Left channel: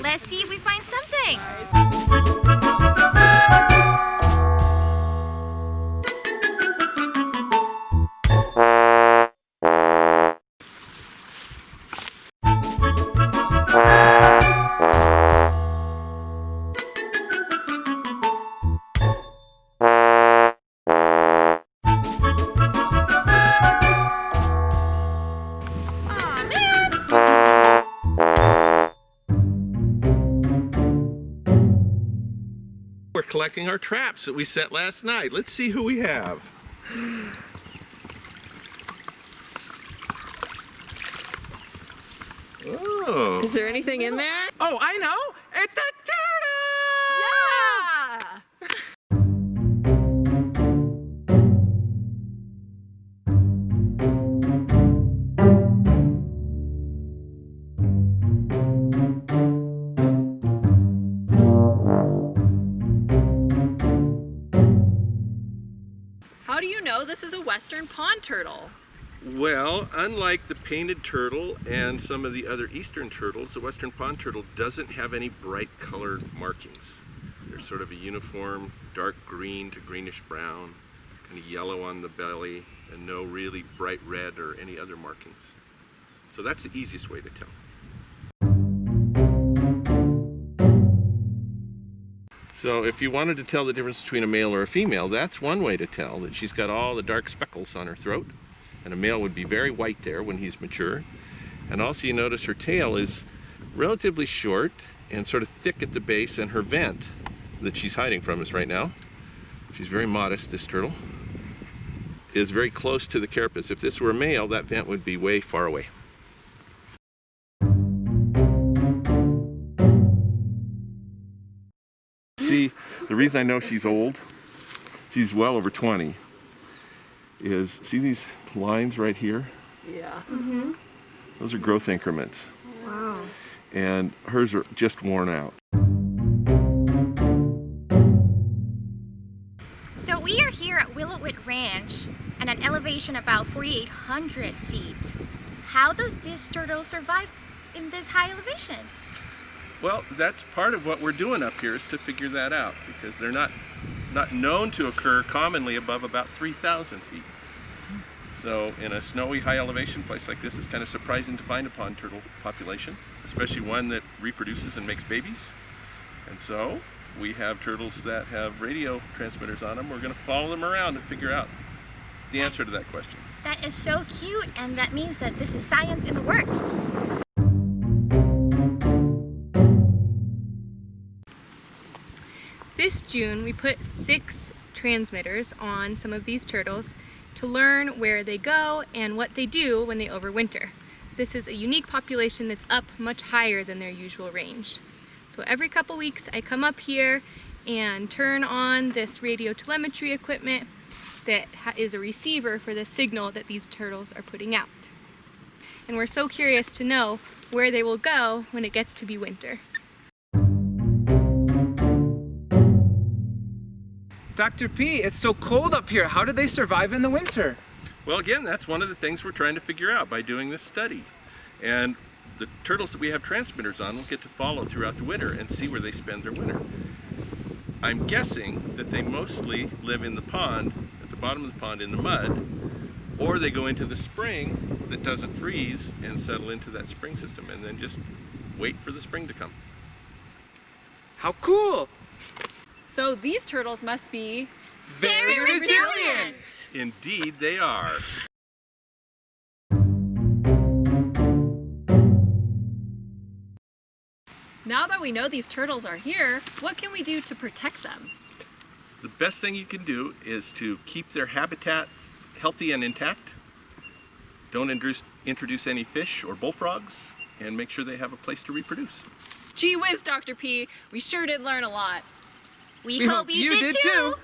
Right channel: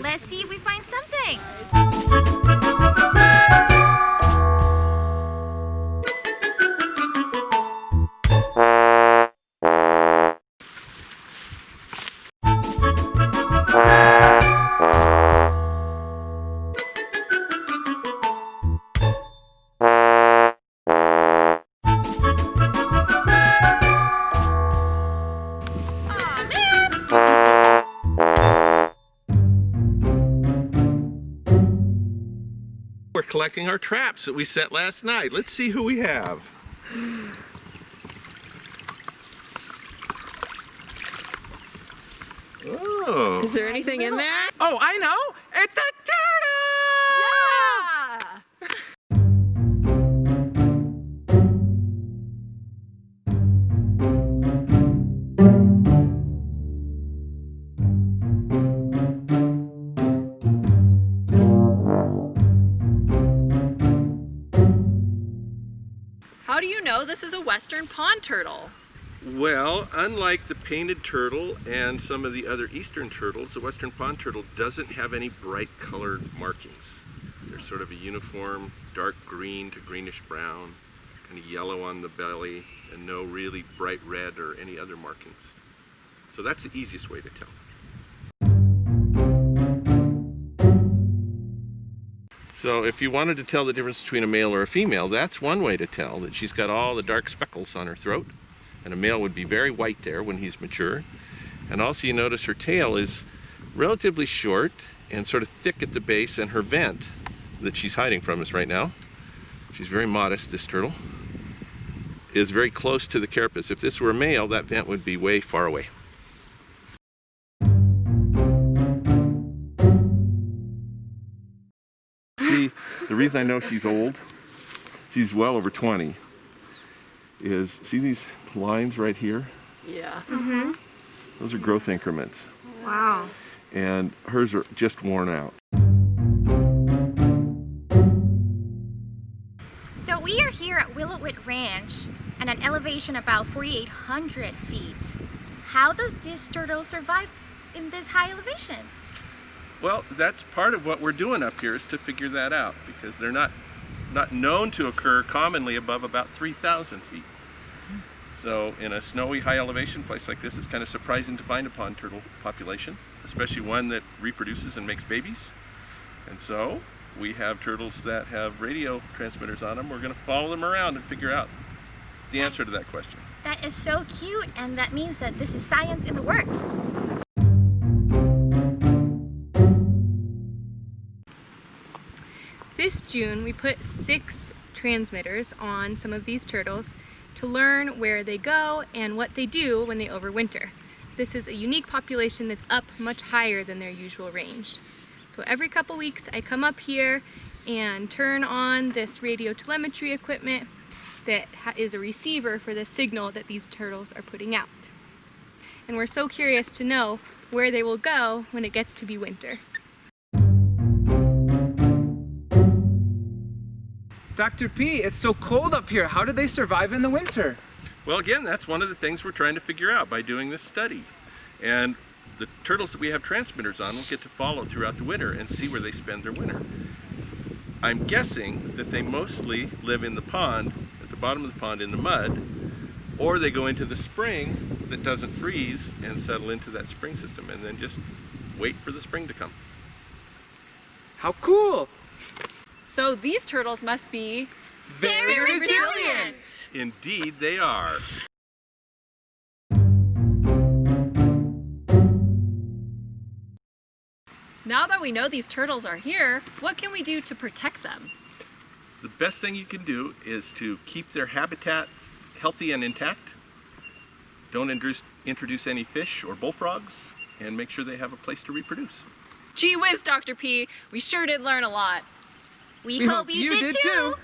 Let's see if we find something. We're collecting our traps that we set last night. Let's see who we have. Oh. Is there anything in there? Oh, I know! It's a How do you know this is a western pond turtle? Well, unlike the painted turtle and some of the other eastern turtles, the western pond turtle doesn't have any bright colored markings. They're sort of a uniform dark green to greenish brown, kind of yellow on the belly, and no really bright red or any other markings. So that's the easiest way to tell. So if you wanted to tell the difference between a male or a female, that's one way to tell, that she's got all the dark speckles on her throat. And a male would be very white there when he's mature. And also you notice her tail is relatively short and sort of thick at the base, and her vent that she's hiding from us right now, she's very modest, this turtle, is very close to the carapace. If this were a male, that vent would be way far away. See, the reason I know she's old, she's well over 20, is, see these lines right here? Yeah. Mm-hmm. Those are growth increments. Wow. And hers are just worn out. So we are here at Willowwood Ranch at an elevation about 4,800 feet. How does this turtle survive in this high elevation? Well, that's part of what we're doing up here, is to figure that out, because they're not known to occur commonly above about 3,000 feet. So in a snowy high elevation place like this, it's kind of surprising to find a pond turtle population, especially one that reproduces and makes babies. And so we have turtles that have radio transmitters on them. We're going to follow them around and figure out the answer to that question. That is so cute, and that means that this is science in the works. This June, we put 6 transmitters on some of these turtles to learn where they go and what they do when they overwinter. This is a unique population that's up much higher than their usual range. So every couple weeks I come up here and turn on this radio telemetry equipment that is a receiver for the signal that these turtles are putting out. And we're so curious to know where they will go when it gets to be winter. Dr. P, it's so cold up here. How do they survive in the winter? Well, again, that's one of the things we're trying to figure out by doing this study. And the turtles that we have transmitters on will get to follow throughout the winter and see where they spend their winter. I'm guessing that they mostly live in the pond, at the bottom of the pond in the mud, or they go into the spring that doesn't freeze and settle into that spring system and then just wait for the spring to come. How cool! So these turtles must be Very resilient! Indeed, they are. Now that we know these turtles are here, what can we do to protect them? The best thing you can do is to keep their habitat healthy and intact. Don't introduce any fish or bullfrogs, and make sure they have a place to reproduce. Gee whiz, Dr. P, we sure did learn a lot. We hope you did too!